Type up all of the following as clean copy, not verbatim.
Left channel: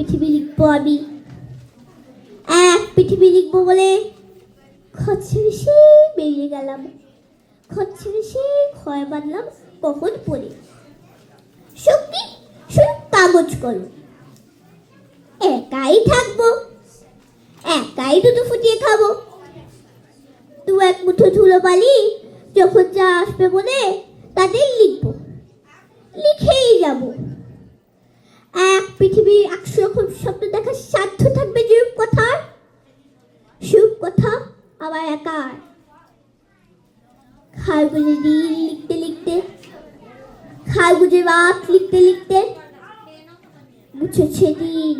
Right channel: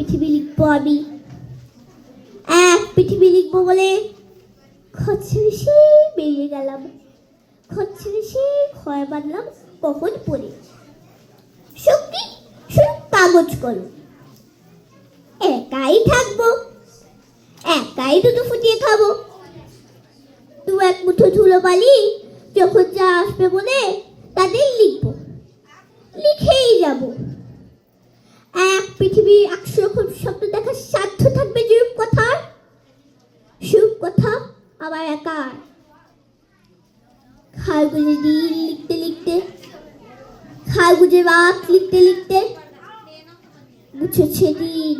পৃথিবী লিখবো আমি, এক পৃথিবী লিখবো বলে খচ্চরে সে বেরিয়ে গেলাম, খচ্চরে সে ক্ষয় বাঁধলাম কখন পড়ে। শক্তি শুধু কাগজ করো, একাই থাকবো, একাই দুটো ফুটিয়ে খাবো। দু এক মুঠো ধুলো বালি যখন যা আসবে মনে তাদের লিখবো, লিখেই যাব। এক পৃথিবী 100 রকম স্বপ্ন দেখার সাধ্য থাকবে যে কথার, সুখ কথা আমার একার। খারগুজে দিন লিখতে লিখতে, খারগুজে রাত লিখতে লিখতে, মুছেছে দিন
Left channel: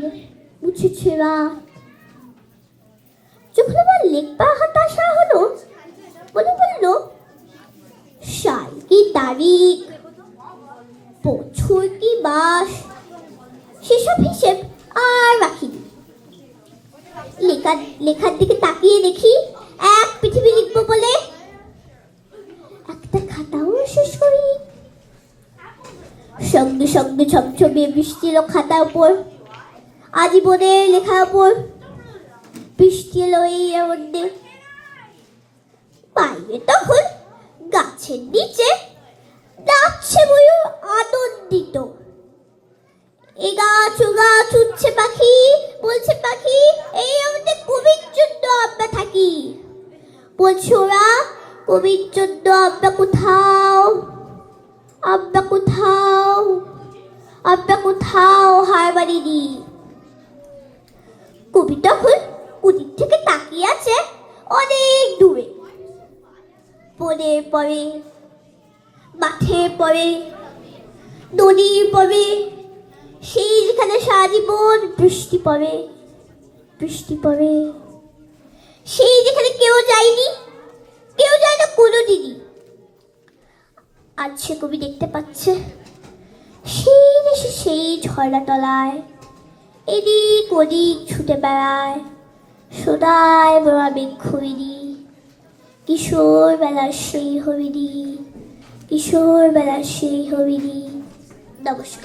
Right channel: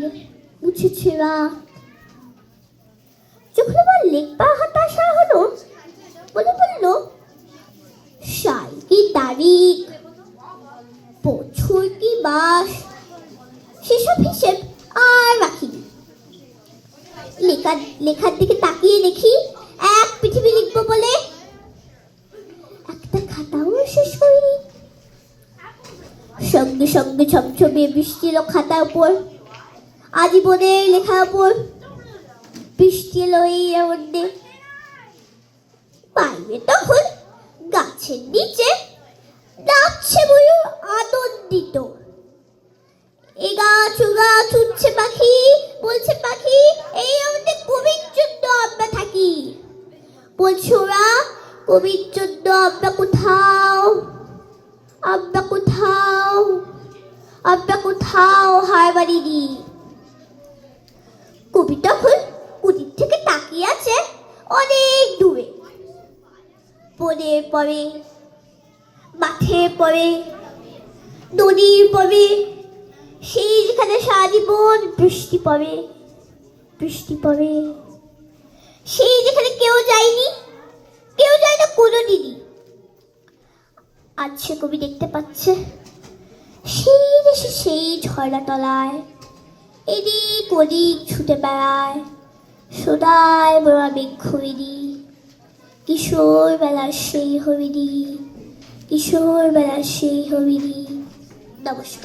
মুছেছে রাত। যখন আমার লেখবার হতাশা হলো, মনে পড়লো সাল কি তারিখ, বছর কি মাস, সেসব হিসেব আর রাখিনি। লেখার দিকে তাকিয়ে দেখি এক পৃথিবী লিখবো বলে একটা খাতাও শেষ করিনি। সঙ্গে সঙ্গে ঝমঝমিয়ে বৃষ্টি এলো খাতার উপর, আজীবনের লেখার উপর। বৃষ্টি এলো এই মধ্যে, বাইরে তখন গাছের নিচে নাচছে ময়ূর আনন্দিত। এ গাছ ও গাছ উঠছে পাখি, বলছে পাখি এই আমাদের কবির জন্য আমরা থাকি। বলছে ওরা কবির জন্য আমরা কোথাও, আমরা কোথাও, আমরা কোথাও হার মানিনি। কবি তখন কুটির থেকে তাকিয়ে আছে অনেক দূরে, বনে পড়ে, মাঠে পড়ে, নদীর পড়ে, সেই যেখানে সারা জীবন বৃষ্টি পড়ে, বৃষ্টি পড়ে, সেই যেখানে কেউ যায়নি, কেউ যায় না কোনোদিনই। আজ সে কবি দেখতে পাচ্ছে সেই দেশে সেই ঝর্ণা তলায় এদিক ওদিক ছুটে বেড়ায় সদায় বড়া বৃক্ষবিধি, কিশোর বেলার সেই হরিণী, কিশোর বেলার সেই হরিণী। নমস্কার।